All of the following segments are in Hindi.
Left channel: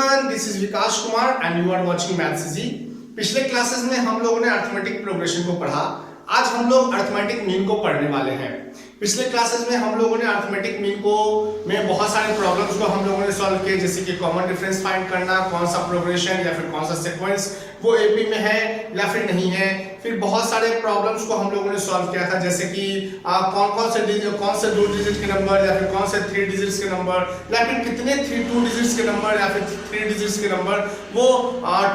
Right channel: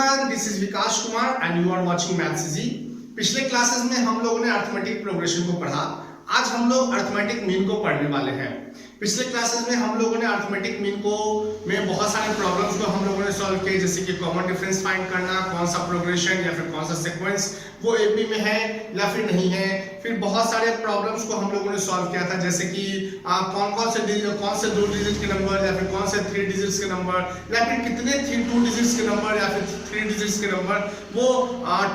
Everyone, this is Vikas Kumar and you are watching maths easy. पिछले क्लासेस में हम लोगों ने अरिथमेटिक प्रोग्रेशन को पढ़ा। आज हम लोग अरिथमेटिक मीन को पढ़ने वाले हैं। पिछले क्लासेस में हम लोगों ने अरिथमेटिक मीन को में बहुत सारे प्रॉब्लम्स को हम लोगों ने सॉल्व किए, जैसे कि कॉमन डिफरेंस फाइंड करना, कौन सा प्रोग्रेशन या फिर कौन सा सीक्वेंस वो एपी में है या फिर नहीं है। फिर बहुत सारे प्रॉब्लम्स को हम लोगों ने सॉल्व किया था, जैसे कि कौन से 2 डिजिट के नंबर या फिर कौन से 3 डिजिट्स के नंबर या फिर कितने 2 डिजिट्स के नंबर या फिर 3 डिजिट्स के नंबर वो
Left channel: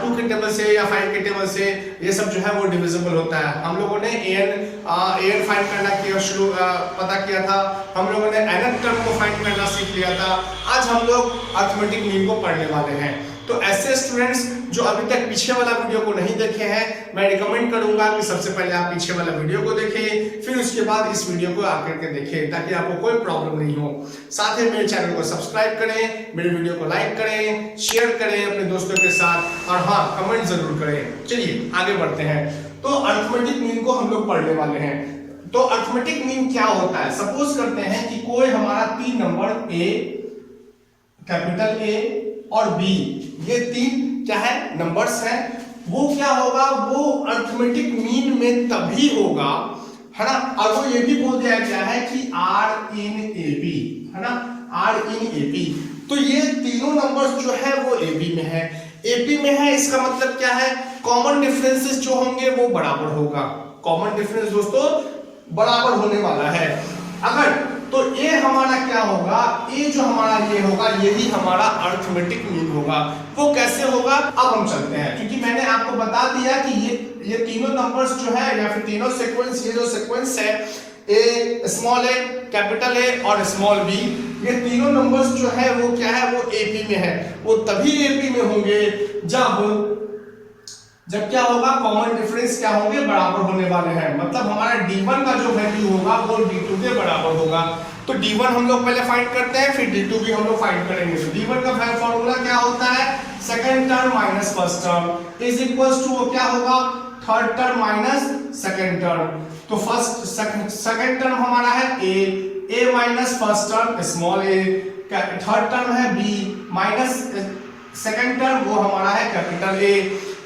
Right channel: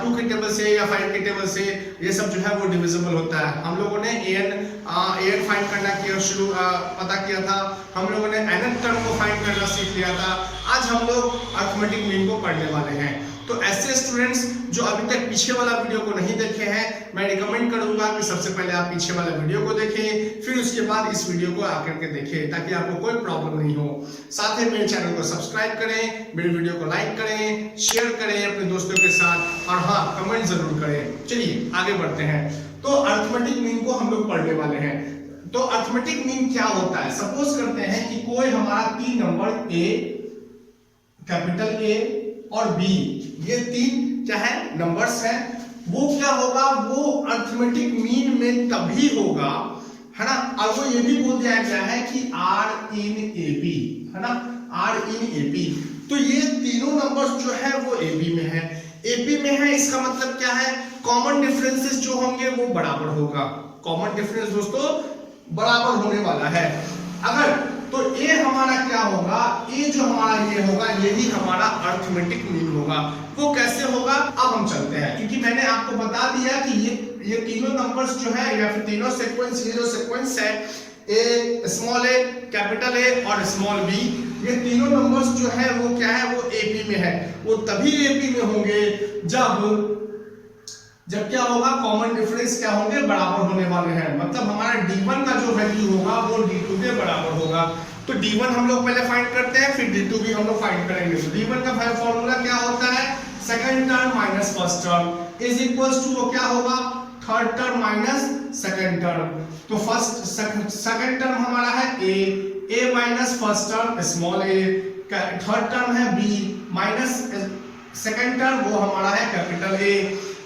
2 के टेबल से या 5 के टेबल से ये सब जो है वो डिविजिबल होता है। हम लोगों ने an फाइंड करना पता किया था। हम लोगों ने nth टर्म को फाइंड करना सीख लिया था। आज हम लोग अरिथमेटिक मीन को पढ़ने वाले हैं। तो ऐसे स्टूडेंट्स जो अभी तक पीछे वाला वीडियो को नहीं देखे हैं, मैं रिकमेंड करूंगा कि सबसे पहले आप पीछे वाला वीडियो को देखें, फिर उसके बाद इस वीडियो को आकर के देखें, ताकि आपको कोई प्रॉब्लम नहीं हो। साथ ही मेरे चैनल को सब्सक्राइब करें, मेरे वीडियो को लाइक करें, शेयर करें अपने दोस्तों के साथ, और हाँ, कमेंट जरूर करें। चलिए आगे बढ़ते हैं। तो अरिथमेटिक मीन को हम लोग पढ़ने वाले हैं। तो अरिथमेटिक मीन क्या होता है? सपोज करते हैं कि कोई हमारा 3 नंबर ए, कैपिटल ए और बी, ये 3 क्या है नंबर्स हैं, वो क्या होगा, वो अरिथमेटिक मीन में तभी होगा, है ना। और वो ये भी बोल दिया गया है कि R in AB, है ना, R in AB। तो ये तीनों नंबर्स जो है वो AB में है। AB में है, इसका मतलब क्या है, कॉमन डिफरेंसेस जो होंगे वो बराबर होगा। कॉमन डिफरेंस दोस्तों बराबर होने वाला है। अगर तो ये हमारा क्या होगा, ये जो हमारा ये होगा, यही हमारा अरिथमेटिक मीन होगा। वो कैसे होगा, अब हम चलते हैं, क्योंकि मैंने आपको बता दिया कि ये तीनों नंबर्स जो है या फिर तीनों सीक्वेंस, ये जो सीक्वेंस है ए, स्मॉल ए, कैपिटल ए और स्मॉल बी, ये तीनों नंबर्स जो है वो क्या है, वो एपी में है। वो तभी एपी में होंगे जब क्या होगा, कॉमन डिफरेंस क्या होंगे, बराबर होने वाले हैं। मतलब हमारा D1 का जो वैल्यू होगा वो D2 के बराबर होगा। तो D1 हम लोग पहले फाइंड करते हैं, फिर D2 भी हम लोग फाइंड करेंगे। तो D1 का फॉर्मूला क्या होता है, second term minus first term is equals to क्या होगा, third term minus second term. तो सेकंड टर्म हमारा है A minus first term small a, third term है B माइनस सेकंड टर्म वो हमारा है कैपिटल A।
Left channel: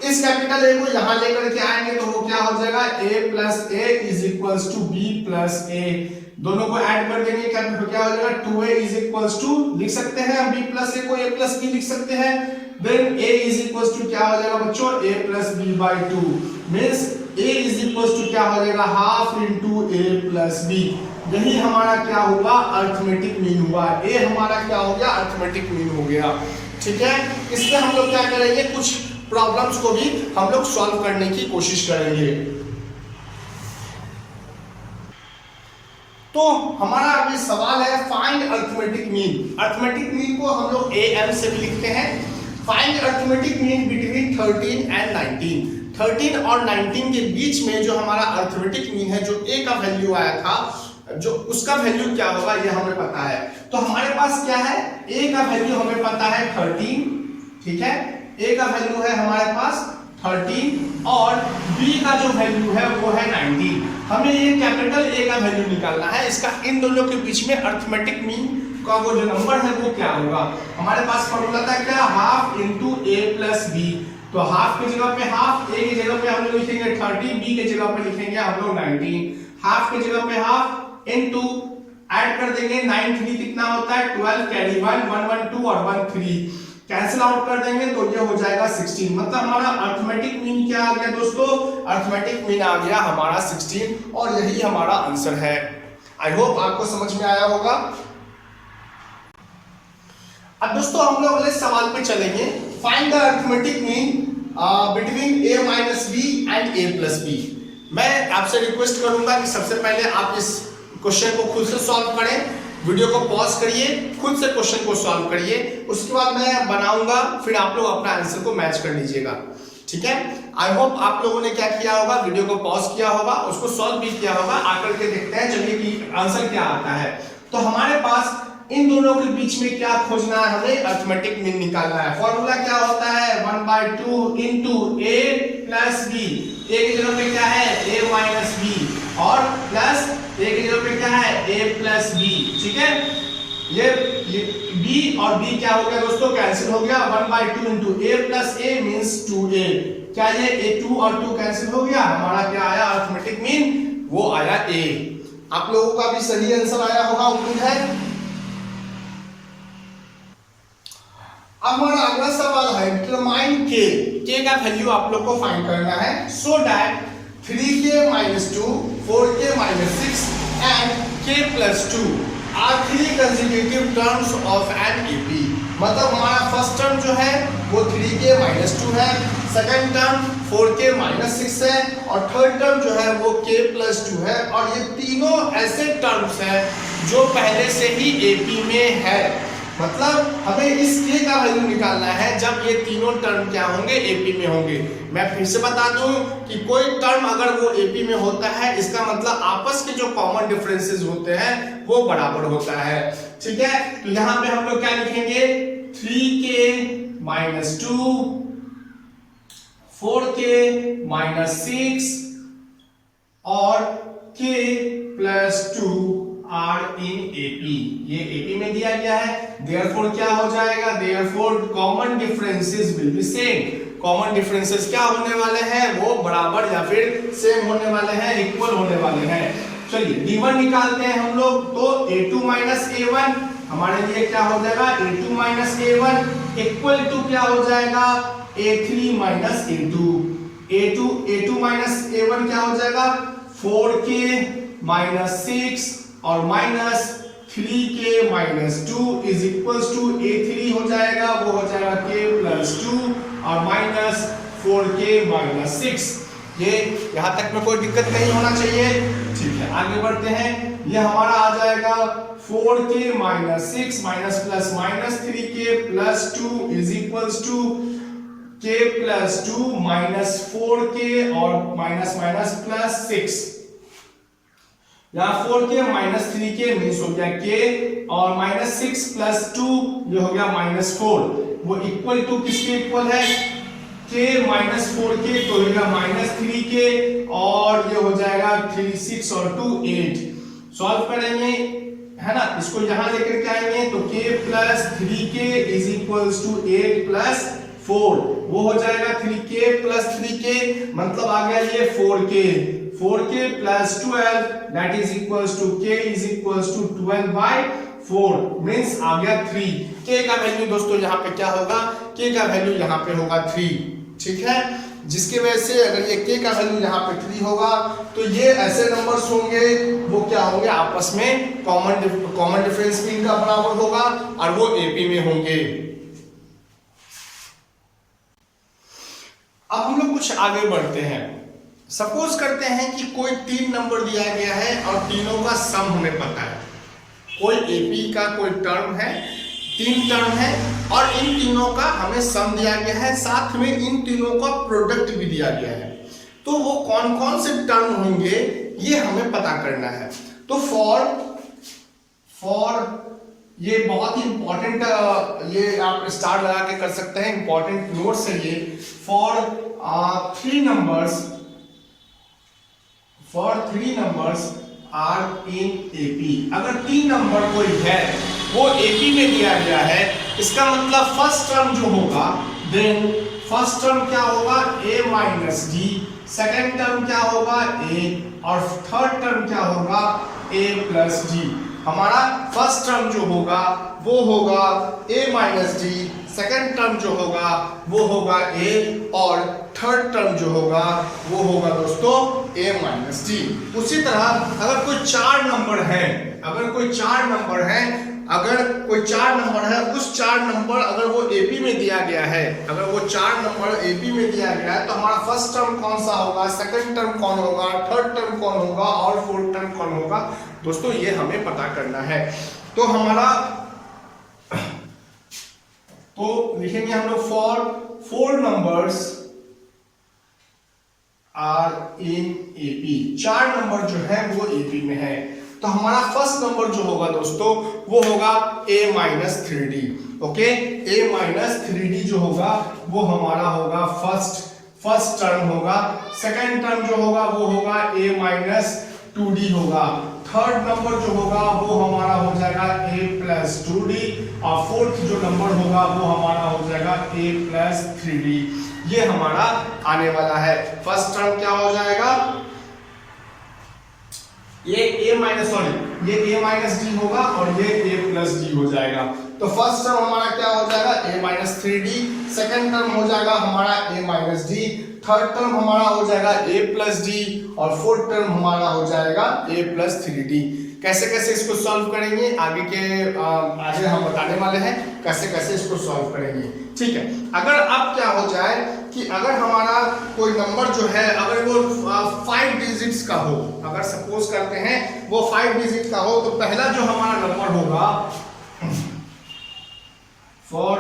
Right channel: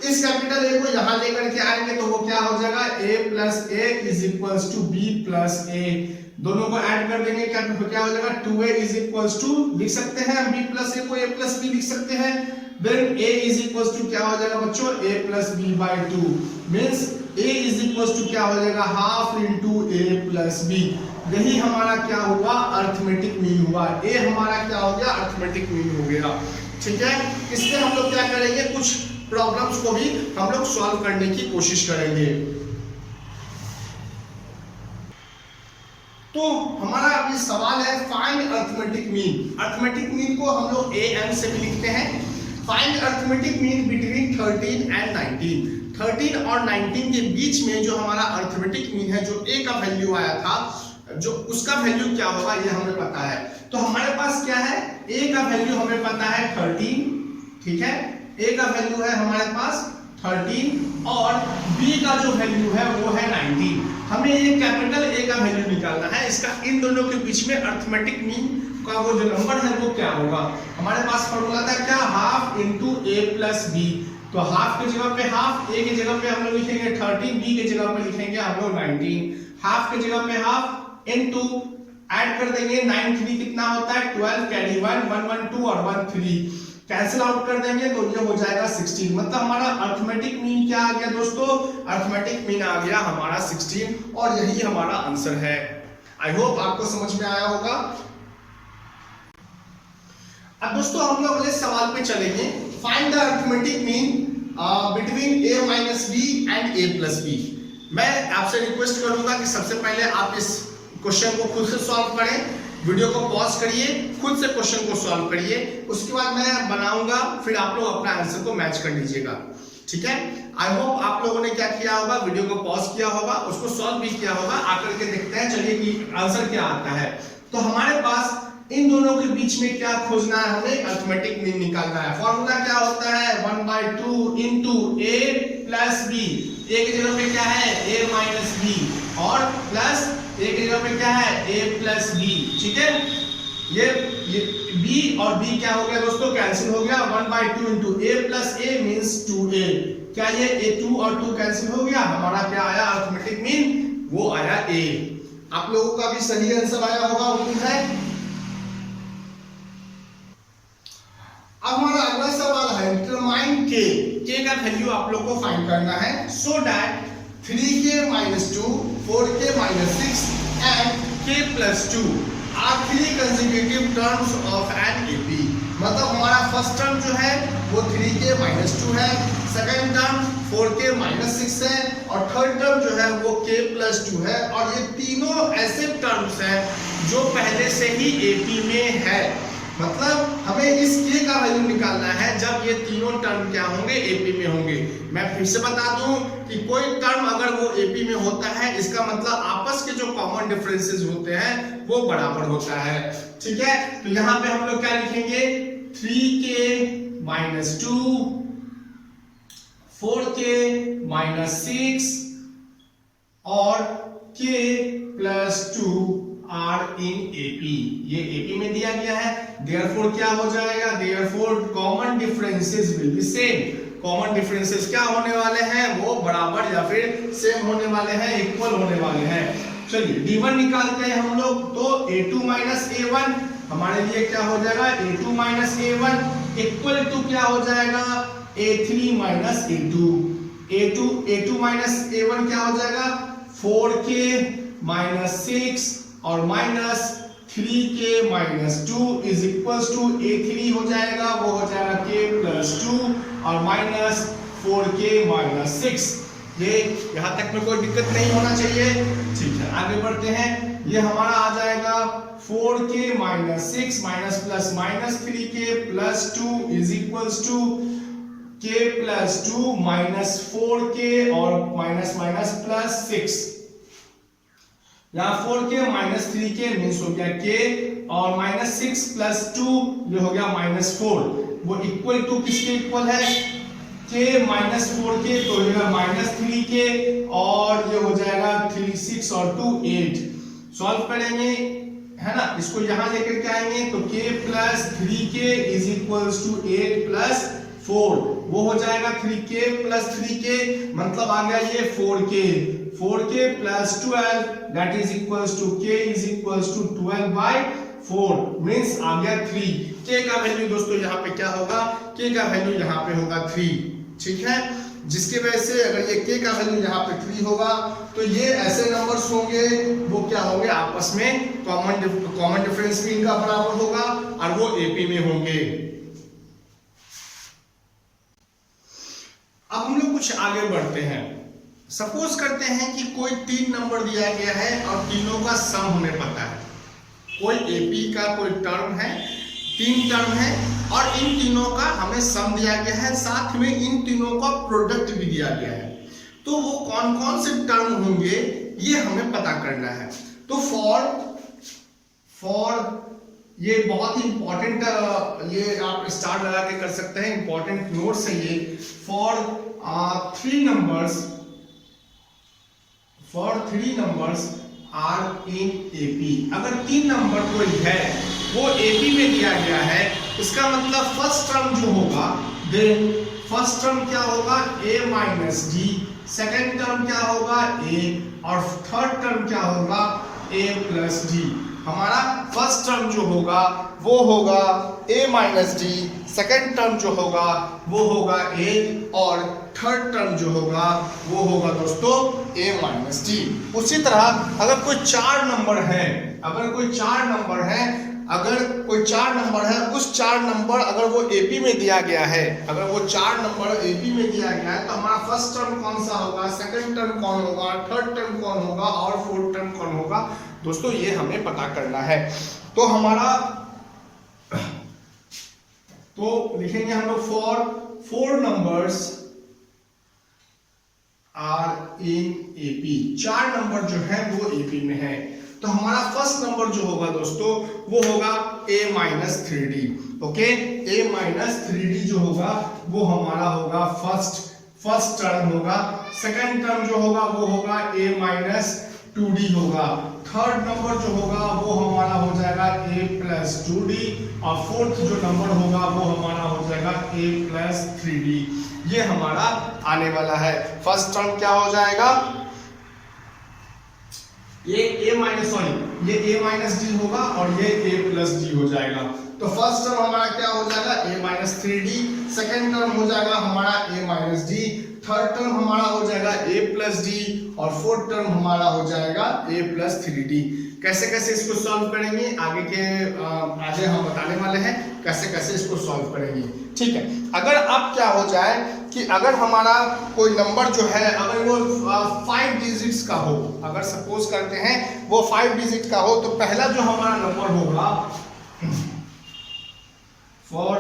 इस कैपिटल A को यहां लेकर के आएंगे तो वो क्या हो जाएगा, A plus A is equals to B plus A। दोनों को ऐड कर देंगे, क्या हो जाएगा, 2A इज इक्वल्स टू, लिख सकते हैं B प्लस A को A प्लस B लिख सकते हैं। Then A is equals to क्या हो जाएगा बच्चों, A plus B by 2 means A is equals to क्या हो जाएगा, half into A plus B। यही हमारा क्या हुआ, अरिथमेटिक मीन हुआ। A हमारा क्या हो गया, अरिथमेटिक मीन हो गया। ठीक है, इसमें हम लोग क्या करेंगे, कुछ प्रॉब्लम्स को भी हम लोग सॉल्व करने की कोशिश करेंगे। तो हमारा अभी सवाल है, find arithmetic mean. Arithmetic mean को हम लोग AM से भी लिखते हैं। Find arithmetic mean between 13 and 19। 13 और 19 के बीच में जो हमारा अरिथमेटिक मीन है, जो A का वैल्यू आया था, जो उसका वैल्यू क्या होगा ये हमें पता है। तो हमारे पास क्या है, A का वैल्यू हमें पता है 13, ठीक है, A का वैल्यू है हमारे पास 13 और B का जो वैल्यू है वो है 19। हमें ये कैपिटल A का वैल्यू निकालना है। इसका इन दोनों के बीच में अरिथमेटिक मीन का वो जो नंबर है वो क्या होगा। हमारे पास फॉर्मूला था क्या, half into A plus B। तो हाफ की जगह पे हाफ, A की जगह पे हम लोग लिखेंगे 30, B की जगह पे लिखेंगे हम लोग 19। हाफ की जगह पे हाफ इंटू ऐड कर देंगे, 9 3 कितना होता है 12, कैरी 1 1 1 2 और 1 3, कैंसिल आउट कर देंगे तो ये हो जाएगा 16। मतलब हमारा अरिथमेटिक मीन क्या आ गया दोस्तों, अरिथमेटिक मीन आ गया हमारा 16 और यही हमारा आंसर है। आई होप आपको समझ में आया होगा। अब दोस्तों हम लोग अगले सवाल पे चलेंगे। Find the arithmetic mean between A minus B and A plus B। मैं आपसे रिक्वेस्ट करूंगा कि सबसे पहले आप इस क्वेश्चन को खुद से सॉल्व करें, वीडियो को पॉज करिए, खुद से क्वेश्चन को सॉल्व करिए, उसके बाद मैं बनाऊंगा, फिर आप लोग अपना आंसर को मैच कर लीजिएगा। ठीक है, आई होप आप लोगों ने क्या किया होगा, वीडियो को पॉज किया होगा, उसको सॉल्व भी किया होगा। आकर के देखते हैं चलिए कि आंसर क्या आता है। तो हमारे पास इन दोनों के बीच में क्या खोजना है, हमें अरिथमेटिक मीन निकालना है। फॉर्मूला क्या होता है, 1/2 into A plus B। A की जगह पे क्या है, A माइनस B, और प्लस A की जगह पे क्या है, A प्लस B। ठीक है, ये b और b क्या हो गया दोस्तों, कैंसिल हो गया। 1/2 into a plus a means 2a। क्या ये a2 और 2 कैंसिल हो गया, हमारा क्या आया अर्थमेटिक मीन, वो आया a। आप लोगों का भी सही आंसर आया होगा उम्मीद है। अब हमारा अगला सवाल है डिटरमाइन k का वैल्यू आप लोग को फाइंड करना है। So that 3k minus 2, 4k minus 6 and k plus 2 are 3 consecutive terms of an AP. मतलब हमारा फर्स्ट टर्म जो है वो 3k माइनस 2 है, सेकेंड टर्म 4k माइनस 6 है और थर्ड टर्म जो है वो k प्लस 2 है। और ये तीनों ऐसे टर्म्स हैं जो पहले से ही एपी में है। मतलब हमें इस k का वैल्यू निकालना है जब ये तीनों टर्म क्या होंगे, एपी में होंगे। मैं फिर से बता दूं कि कोई टर्म अगर वो एपी में होता है इसका मतलब आपस के जो कॉमन डिफरेंसेस होते हैं वो बराबर होता है। ठीक है, तो यहाँ पे हम लोग क्या लिखेंगे, 3k माइनस 2, 4k माइनस 6 और k plus 2 are in AP. ये एपी में दिया गया है, देयरफॉर क्या हो जाएगा, therefore common differences will be same. Common differences क्या होने वाले हैं, वो बराबर या फिर सेम होने वाले हैं, इक्वल होने वाले हैं। चलिए d1 निकालते हैं हम लोग। तो a2 माइनस a1 हमारे लिए क्या हो जाएगा, a2 minus a1 equal to क्या हो जाएगा, a3 minus a2। a2 minus a1 क्या हो जाएगा, 4k माइनस 6 और minus 3k minus 2 is equal to a3 हो जाएगा, वो हो जाएगा k प्लस 2 और माइनस 4k माइनस 6। ये यहां तक में कोई दिक्कत नहीं होना चाहिए। ठीक है, आगे बढ़ते हैं। ये हमारा आ जाएगा 4k minus 6 minus plus minus 3k plus 2 is equal to k plus 2 minus 4k और माइनस माइनस प्लस 6। यहाँ 4k माइनस 3k मीन्स हो गया k और माइनस 6 प्लस 2 ये हो गया माइनस 4। वो इक्वल टू किसके इक्वल है, k माइनस 4k तो होगा माइनस 3k और ये हो जाएगा 3 6 और 2 8। सॉल्व करेंगे है ना, इसको यहाँ लेकर के आएंगे तो k plus 3k is equal to 8 plus 4। वो हो जाएगा 3k प्लस 3k मतलब आ गया ये 4k plus 12 that is equals to k is equals to 12/4 means आ गया 3। k का वैल्यू दोस्तों यहाँ पे क्या होगा, k का वैल्यू यहाँ पे होगा 3। ठीक है, जिसकी वजह से अगर ये k का वैल्यू यहाँ पे 3 होगा तो ये ऐसे नंबर्स होंगे वो क्या होंगे, आपस में कॉमन डिफरेंस भी इनका बराबर होगा और वो एपी में होंगे। अब हम लोग कुछ आगे बढ़ते हैं। सपोज करते हैं कि कोई 3 नंबर दिया गया है और तीनों का सम हमें पता है। कोई एपी का कोई टर्म है, 3 टर्म है और इन तीनों का हमें सम दिया गया है, साथ में इन तीनों का प्रोडक्ट भी दिया गया है। तो वो कौन कौन से टर्म होंगे ये हमें पता करना है। तो फॉर ये बहुत ही इंपॉर्टेंट, ये आप स्टार लगा के कर सकते हैं, इंपॉर्टेंट नोट्स है ये। For 3 numbers are in AP. अगर 3 नंबर कोई है वो एपी में दिया गया है, इसका मतलब फर्स्ट टर्म जो होगा, देन फर्स्ट टर्म क्या होगा, a minus D, second term क्या होगा a और थर्ड टर्म क्या होगा a प्लस डी। हमारा फर्स्ट टर्म जो होगा वो होगा a minus D, second term जो होगा वो होगा a और थर्ड टर्म जो होगा वो होगा दोस्तों a माइनस डी। उसी तरह अगर कोई 4 नंबर है, उस 4 नंबर अगर वो एपी में दिया गया है, तो हमारा फर्स्ट टर्म कौन सा होगा, सेकंड टर्म कौन होगा, थर्ड टर्म कौन होगा और फोर्थ टर्म कौन होगा दोस्तों, ये हमें पता करना है। तो हमारा लिखेंगे हम लोग for 4 numbers are in AP. 4 number जो है वो एपी में है। तो हमारा फर्स्ट नंबर जो होगा दोस्तों वो होगा a minus 3d। Okay, a minus 3d जो होगा वो हमारा होगा फर्स्ट टर्म होगा। सेकंड टर्म जो होगा वो होगा a माइनस 2d होगा। थर्ड नंबर जो होगा वो हमारा हो जाएगा a प्लस 2d और फोर्थ जो नंबर होगा वो हमारा हो जाएगा a प्लस 3d। ये हमारा आने वाला है। फर्स्ट टर्म क्या हो जाएगा, ये a माइनस डी होगा और ये a प्लस डी हो जाएगा। तो फर्स्ट टर्म हमारा क्या हो जाएगा a minus 3d, second term हो जाएगा हमारा a minus D, third term हमारा हो जाएगा a प्लस डी और फोर्थ टर्म हमारा हो जाएगा a प्लस 3d। कैसे कैसे इसको सॉल्व करेंगे आगे हम बताने वाले हैं कैसे कैसे इसको सॉल्व करेंगे। ठीक है, अगर अब क्या हो जाए कि अगर हमारा कोई नंबर जो है अगर वो 5 डिजिट्स का हो, अगर सपोज करते हैं वो 5 डिजिट का हो, तो पहला जो हमारा नंबर होगा for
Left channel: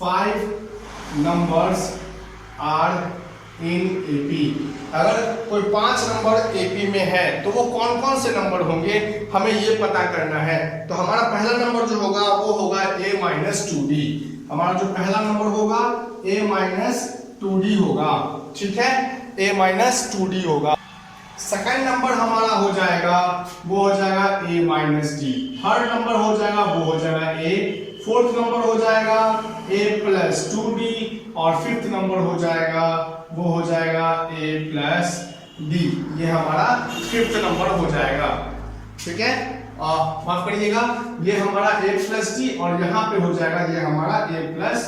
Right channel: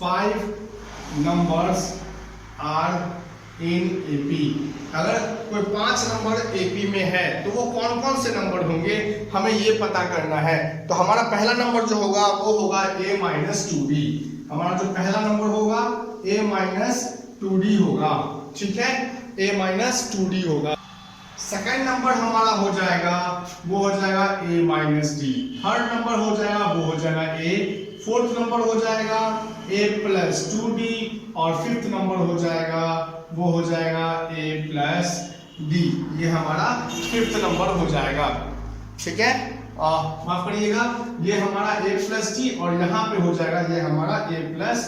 5 numbers are in AP, अगर कोई 5 नंबर एपी में है तो वो कौन कौन से नंबर होंगे हमें ये पता करना है। तो हमारा पहला नंबर जो होगा वो होगा a माइनस 2d, हमारा जो पहला नंबर होगा a माइनस 2d होगा। ठीक है, a माइनस 2d होगा। सेकेंड नंबर हमारा हो जाएगा वो हो जाएगा a minus d, third number हो जाएगा वो हो जाएगा a, फोर्थ नंबर हो जाएगा a प्लस 2d और फिफ्थ नंबर हो जाएगा वो हो जाएगा a प्लस d। ये हमारा फिफ्थ नंबर हो जाएगा। ठीक है, माफ करिएगा, ये हमारा a प्लस डी और यहाँ पे हो जाएगा ये हमारा a प्लस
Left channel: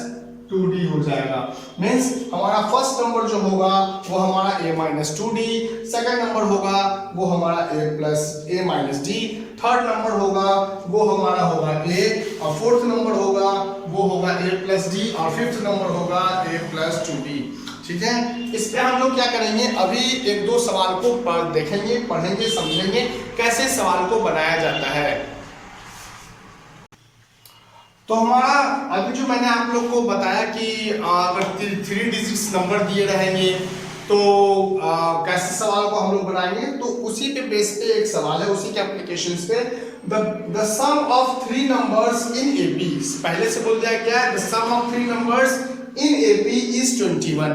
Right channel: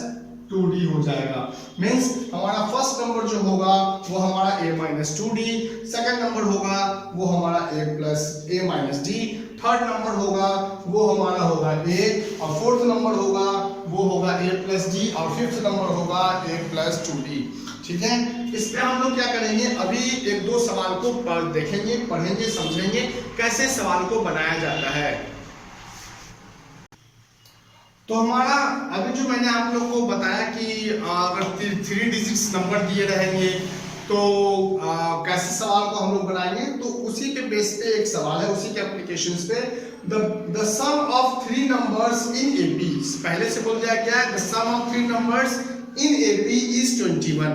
2d हो जाएगा। मीन्स हमारा फर्स्ट नंबर जो होगा वो हमारा a minus 2d, second number होगा वो हमारा a minus d, third number होगा वो हमारा होगा a और फोर्थ नंबर होगा वो होगा a प्लस d और फिफ्थ नंबर होगा a प्लस 2d। ठीक है, इस पे हम लोग क्या करेंगे, अभी एक दो सवाल को देखेंगे, पढ़ेंगे, समझेंगे कैसे सवाल को बनाया जाता है। तो हमारा अभी जो मैंने आप लोग को बताया कि अगर 3 डिजिट्स नंबर दिए रहेंगे तो कैसे सवाल को हम लोग बनाएंगे, तो उसी के बेस पे एक सवाल है, उसी के एप्लीकेशंस पे the sum of 3 numbers in AP, पहले से बोल दिया क्या है, the sum of 3 numbers in AP is 21।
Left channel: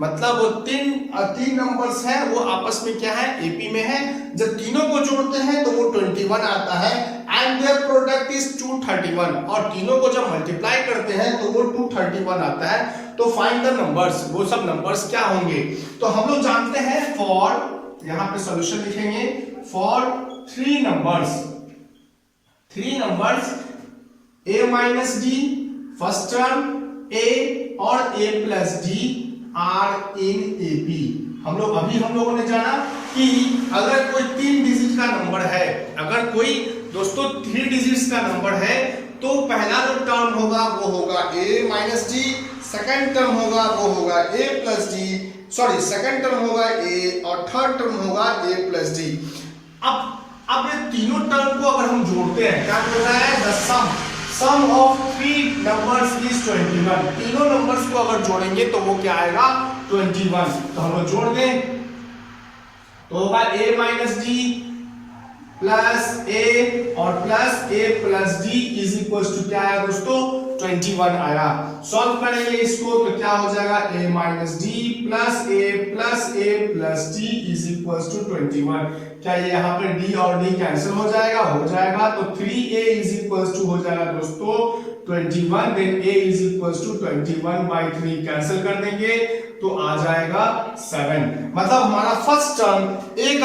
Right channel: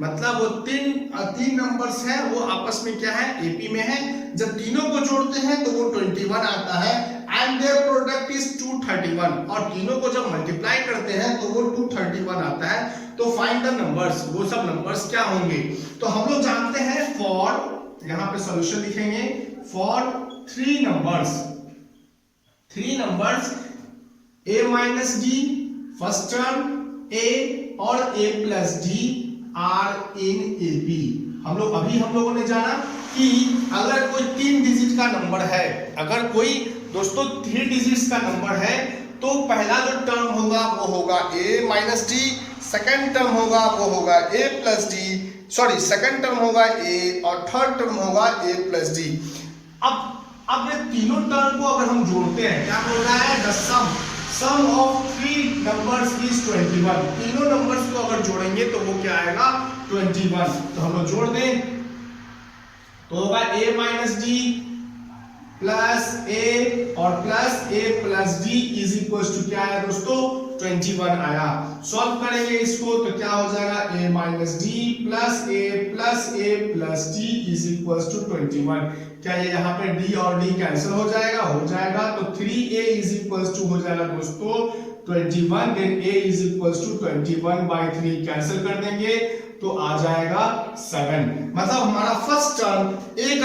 मतलब वो तीन नंबर्स हैं वो आपस में क्या है, एपी में है। जब तीनों को जोड़ते हैं तो वो 21 आता है एंड देयर प्रोडक्ट इज 231, और तीनों को जब मल्टीप्लाई करते हैं तो वो 231 आता है। तो फाइंड द नंबर्स, वो सब नंबर्स क्या होंगे। तो हम लोग जानते हैं फॉर, यहाँ पे सॉल्यूशन लिखेंगे, for 3 numbers a minus d, first term a और a plus d are in AP. हम लोगों ने जाना कि अगर कोई 3 डिजिट का नंबर है, अगर कोई दोस्तों 3 डिजिट्स का नंबर है तो पहला जो टर्म होगा वो होगा a minus D, second term होगा वो होगा a plus D, sorry second term होगा a और थर्ड टर्म होगा a प्लस डी। अब ये तीनों टर्म को अगर हम जोड़ते हैं, क्या बोल रहा है, the sum of 3 numbers is 21। तीनों नंबर्स को अगर जोड़ेंगे तो वो क्या आएगा, 21। तो हम लोग जोड़ दें तो होगा a minus d plus a और plus a plus d is equal to क्या आया दोस्तों, 21 आया। सॉल्व करेंगे इसको तो क्या हो जाएगा, a minus d plus a plus d is equal to 21। क्या ये यहाँ पर d और d कैंसिल हो जाएगा, तो 3a इज इक्वल टू हो जाएगा दोस्तों 21, then a is equal to 21/3 cancel कर देंगे तो आ जाएगा 7। मतलब हमारा फर्स्ट टर्म a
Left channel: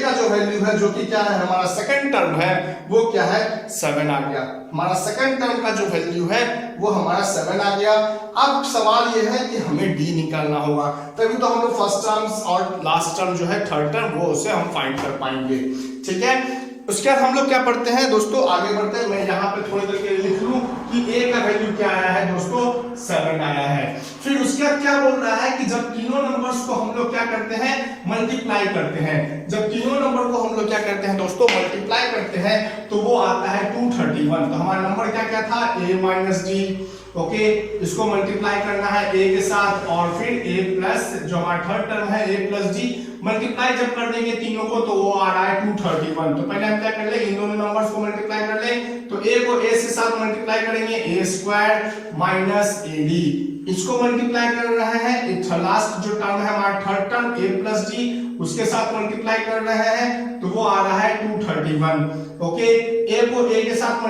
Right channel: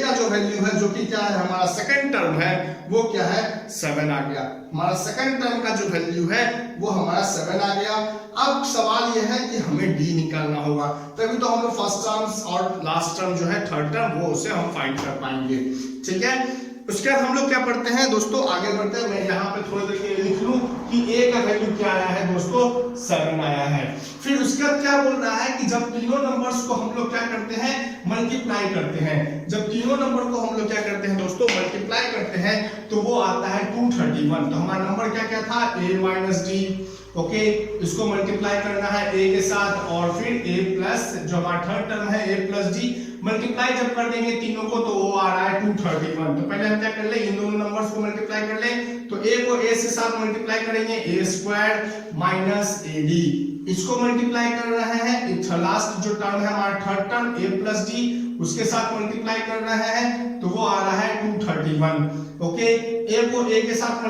का जो वैल्यू है, जो कि क्या है हमारा सेकंड टर्म है, वो क्या है 7 आ गया। हमारा सेकंड टर्म का जो वैल्यू है वो हमारा 7 आ गया। अब सवाल ये है कि हमें d निकालना होगा, तभी तो हम लोग फर्स्ट टर्म और लास्ट टर्म जो है थर्ड टर्म वो उसे हम फाइंड कर पाएंगे। ठीक है, उसके बाद हम लोग क्या पढ़ते हैं दोस्तों, आगे बढ़ते हैं। मैं यहाँ पे थोड़ी देर के लिए लिख लूं कि a का वैल्यू क्या आया है दोस्तों, 7 आया है। फिर उसके बाद क्या बोल रहा है कि जब तीनों नंबर्स को हम लोग क्या करते हैं, मल्टीप्लाई करते हैं। जब तीनों नंबर को हम लोग क्या करते हैं दोस्तों, मल्टीप्लाई करते हैं तो वो आता है 231। तो हमारा नंबर क्या क्या था, a माइनस डी। ओके, इसको मल्टीप्लाई करना है a के साथ और फिर a प्लस जो हमारा थर्ड टर्म है a प्लस डी, मल्टीप्लाई जब कर देंगे तीनों को तो वो आ रहा है 231। तो पहले हम क्या कर ले, इन दोनों नंबर्स को मल्टीप्लाई कर ले। तो a को a से साथ मल्टीप्लाई करेंगे, a स्क्वायर माइनस ad, इसको मल्टीप्लाई कर रहे हैं, लास्ट जो टर्म है हमारा third term a plus D, उसके साथ मल्टीप्लाई कर रहे हैं तो वो आ रहा है 231। ओके, a को a के साथ a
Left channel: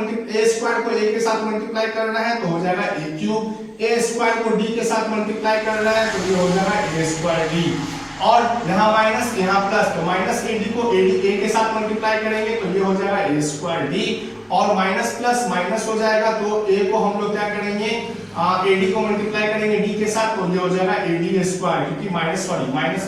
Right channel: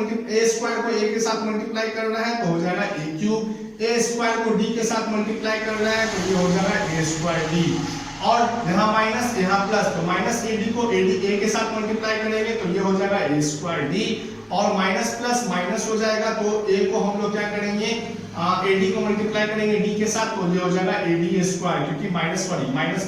स्क्वायर को a के साथ मल्टीप्लाई कर रहा है तो हो जाएगा a क्यूब, a स्क्वायर को d के साथ मल्टीप्लाई कर रहा है तो ये हो जाएगा a स्क्वायर d, और यहाँ माइनस यहाँ प्लस, तो माइनस ad को a के साथ मल्टीप्लाई करेंगे तो ये हो जाएगा a स्क्वायर d, और माइनस प्लस माइनस हो जाएगा तो a को हम लोग क्या करेंगे ad को मल्टीप्लाई करेंगे d के साथ तो ये हो जाएगा ad स्क्वायर, क्योंकि माइनस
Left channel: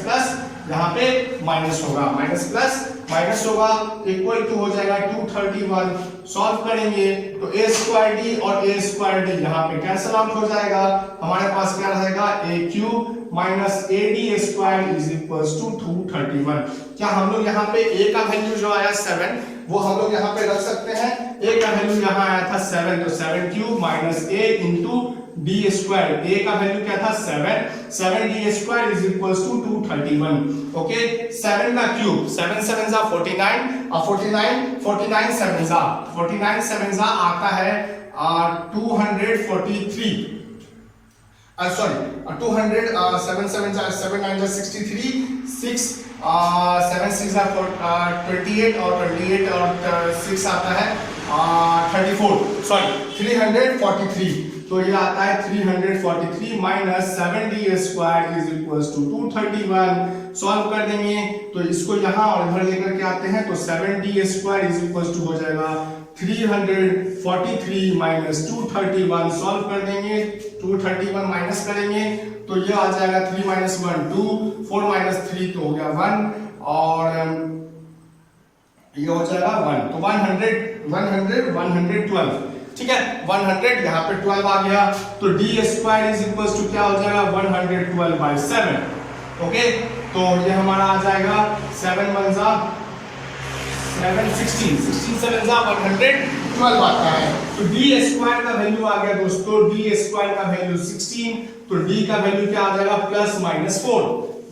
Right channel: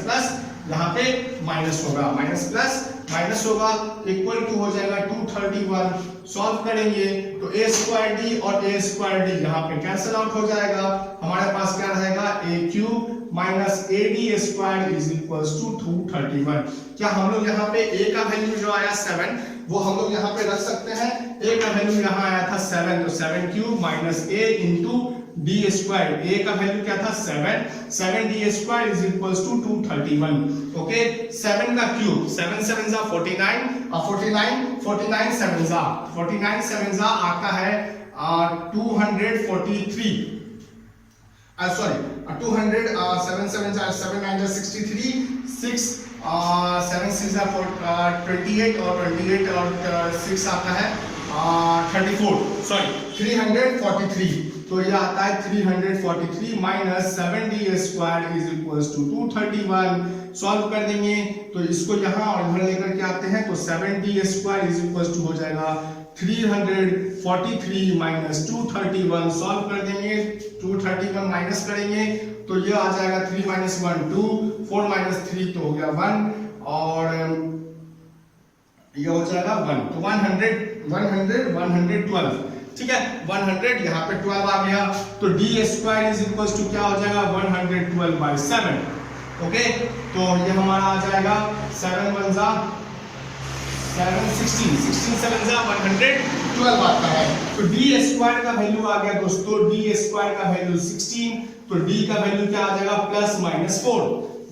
प्लस यहाँ पे माइनस होगा, माइनस प्लस माइनस होगा, इक्वल टू हो जाएगा 231। सॉल्व करेंगे तो a स्क्वायर d और a स्क्वायर d यहाँ पे कैंसिल आउट हो जाएगा, हमारे पास क्या रहेगा a cube minus ad square is equals to 231। क्या हम लोग यहाँ पे a का वैल्यू जो आया 7 वो हम लोग यहाँ पे रख सकते हैं, a का वैल्यू यहाँ आया था 7 तो 7 cube minus a into d square, a का वैल्यू क्या था 7d square is equals to 231। Okay, 7 का क्यूब 7 7 जा 49 और 49 7 जा आता है 243, सॉरी 200 7 7 जा 7 9 जा 63, 6 7 6 जा 28 और 28 और 6 आता है 34, सॉरी 343, तो ये आता है 343 minus 7d square is equals to 231। Solve कर देंगे तो इसको यहाँ और इधर लेकर के आते हैं तो 7d square is equals to हो जाएगा 343 माइनस 231। सॉल्व कर देंगे, 231 माइनस करेंगे तो ये आ जाएगा 3 माइनस 1 2, 4 माइनस 3 तो हो गया 1, और ये हो जाएगा 1, तो 112, ठीक है 100 यहाँ पे 12 आ गया तो d square is equals to क्या हो जाएगा 112/7। ओके, तो ये हमारा आ जाएगा 7 1 जा 7 16 7 जा 112 आता है, तो d स्क्वायर का वैल्यू आ गया दोस्तों, d स्क्वायर का वैल्यू 16, तो d का वैल्यू क्या आ जाएगा प्लस माइनस 4,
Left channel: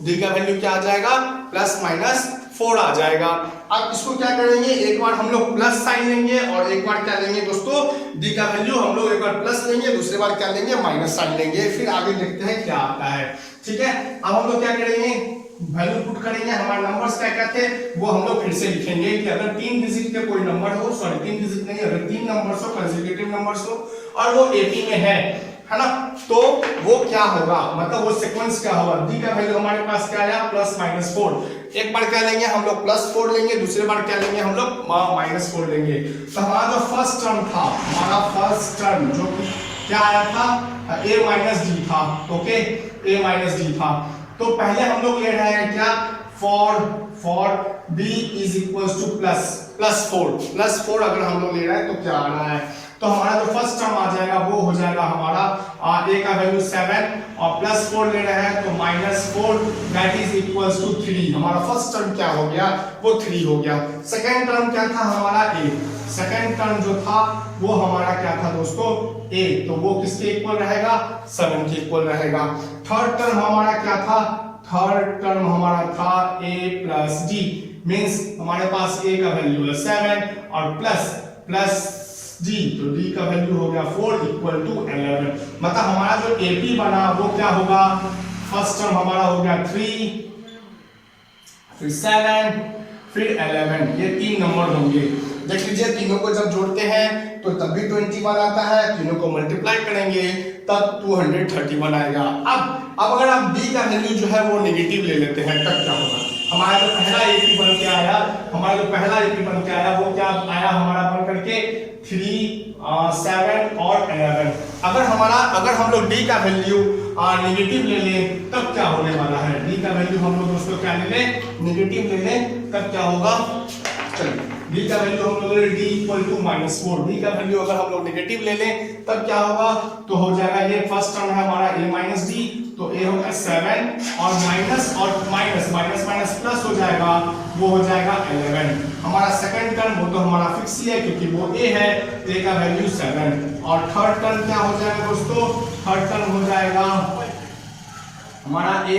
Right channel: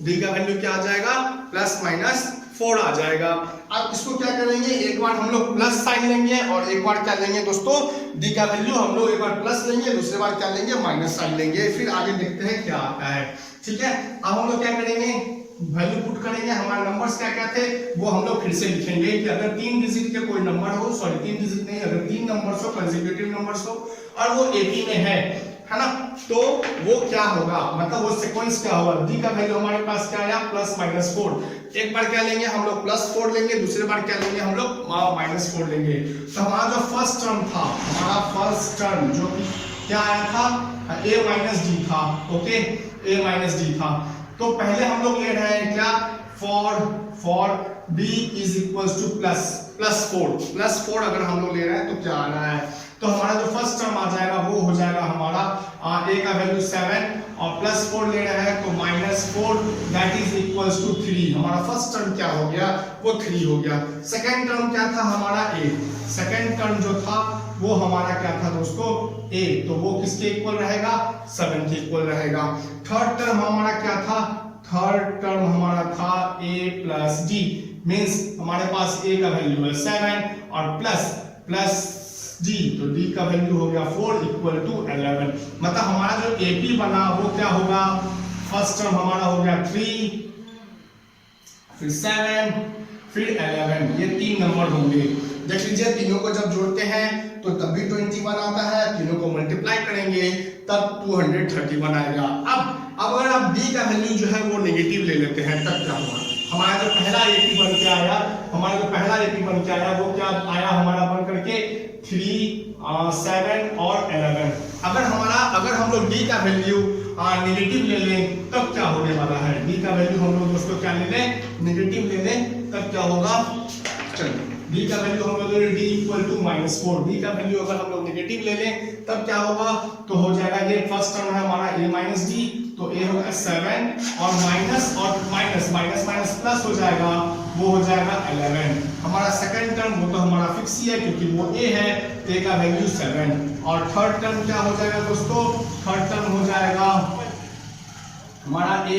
d का वैल्यू क्या आ जाएगा प्लस माइनस 4 आ जाएगा। अब इसको क्या करेंगे, एक बार हम लोग प्लस साइन लेंगे और एक बार क्या लेंगे दोस्तों, d का वैल्यू हम लोग एक बार प्लस लेंगे, दूसरी बार क्या लेंगे माइनस साइन लेंगे, फिर आगे देखते हैं क्या आता है। ठीक है, अब हम लोग क्या करेंगे, वैल्यू पुट करेंगे, हमारे नंबर्स क्या क्या थे वो हम लोग फिर से लिखेंगे कि अगर 3 डिजिट के कोई नंबर हो, सॉरी 3 डिजिट नहीं, अगर 3 नंबर्स हो, कंसेक्यूटिव नंबर्स हो और वो एपी में है ना, तो वो क्या होगा, मतलब वो सीक्वेंस क्या होगा, d का वैल्यू हमारे पास क्या आया प्लस माइनस 4, एक बार क्या लेंगे हम लोग प्लस 4 लेंगे, दूसरे बार क्या लेंगे हम लोग माइनस 4 लेंगे। तो हमारा जो फर्स्ट टर्म था, हमारा फर्स्ट टर्म जो क्या आया था a माइनस डी था, ओके a माइनस डी था, तो पहले हम लोग ले रहे हैं क्या for d is equals two plus 4 अगर हम लोग ले रहे हैं तो क्या आ रहा है, तो हमारा जो फर्स्ट टर्म आ जाएगा वो हो जाएगा हमारा a का वैल्यू 7 और प्लस 4 ले रहे हैं तो minus 4 that is equals to 3। हमारा फर्स्ट टर्म क्या हो गया, वो 3 हो गया। सेकंड टर्म क्या था हमारा a, सेकंड टर्म जो था वो हमारा क्या था दोस्तों a, तो वो किसके इक्वल रहेगा 7 के इक्वल रहेगा। थर्ड टर्म हमारा क्या था, थर्ड टर्म हमारा था a प्लस डी, मीन्स हमारे पास a का वैल्यू है 7 और प्लस d, तो d का वैल्यू हो गया 4 इक्वल टू 11। मतलब हमारा जो AP बना वो क्या होगा, फर्स्ट टर्म हमारा हो गया 3, फिर 7, फिर 11, ये 3 नंबर होंगे। देख लीजिए तीनों को जब जोड़ते हैं तो तब भी 21 आता है, तीनों को मल्टीप्लाई करेंगे तब 231 आएगा। अब अगर आप d का वैल्यू जो है वो नेगेटिव ले लेते हैं तब क्या होगा, हमारा जो पहला AP बन के आया, वो क्या आया हमारा बन करके 3, 7 और 11। अगर हम लोग d का वैल्यू नेगेटिव ले लें तब क्या होने वाला है, d का वैल्यू हम लोग दोस्तों क्या ले लें, नेगेटिव ले लें तब क्या होगा, चलिए d का वैल्यू हम लोग ले d इक्वल टू -4, d का वैल्यू अगर हम लोग नेगेटिव ले लें तब क्या होगा, तो हो जाएगा ये फर्स्ट टर्म है हमारा a माइनस डी, तो a होगा 7 और माइनस प्लस हो जाएगा, वो हो जाएगा 11। हमारा सेकंड टर्म वो तो हमारा फिक्स ही है क्योंकि वो a है, a का वैल्यू 7। और थर्ड टर्म क्या हो जाएगा दोस्तों, थर्ड टर्म हो जाएगा हमारा a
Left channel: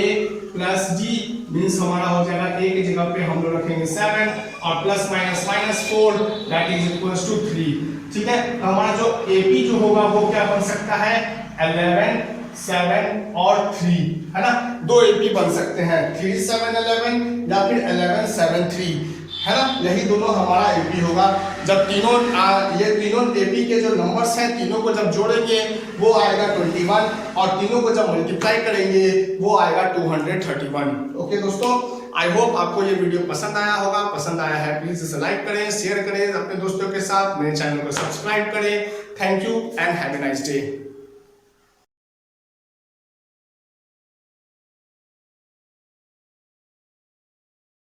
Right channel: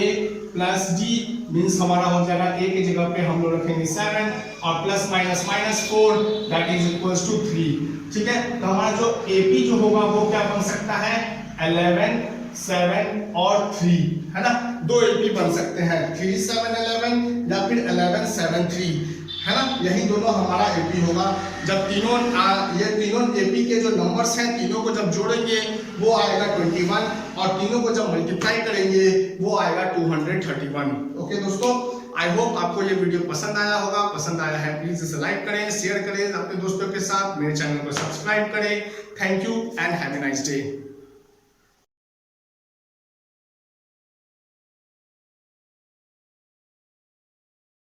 प्लस डी, मीन्स हमारा हो जाएगा a की जगह पे हम लोग रखेंगे 7 और plus minus -4 that is equals to 3। ठीक है, तो हमारा जो AP जो होगा वो क्या बन सकता है 11, 7 और 3, है ना, 2 AP बन सकते हैं, 3, 7, 11 या फिर 11, 7, 3। है ना, यही दोनों हमारा एपी होगा। जब तीनों ये तीनों एपी के जो नंबर्स हैं तीनों को जब जोड़ेंगे वो आएगा 21 और तीनों को जब मल्टीप्लाई करेंगे वो आएगा 231। ओके दोस्तों, आई होप आपको ये वीडियो पसंद आया होगा। पसंद आया है प्लीज इसे लाइक करें, शेयर करें अपने दोस्तों के साथ, मेरे चैनल को सब्सक्राइब करें। Thank you and have a nice day.